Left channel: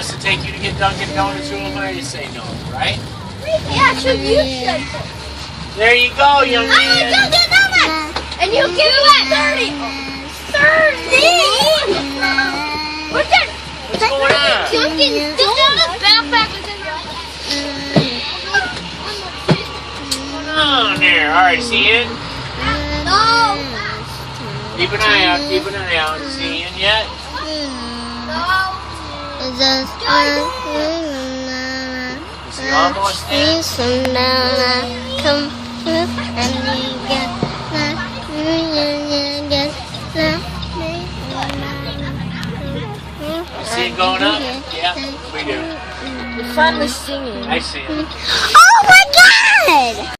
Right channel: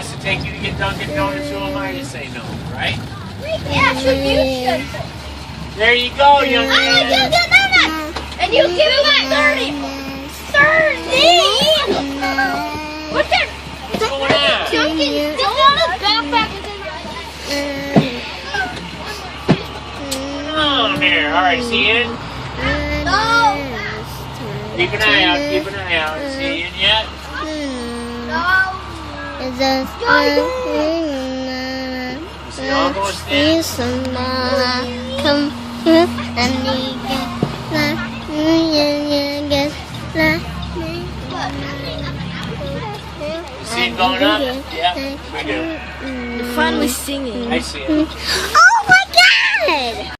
wants to take you to get Dunkin' Donuts, who am I to say no, right? Yeah, sure, you should. There you go, young man. Dunkin' Donuts! And you give it 30! 30! What's that? What's going on? Dunkin' Donuts backpack is in What's going on there? All right, is he in? No! Keep an eye out. Keep an eye out. Is he in yet? No! Is he almost in? Come here and you get You see him going up? Yeah, we do. You're finally singing. I see him.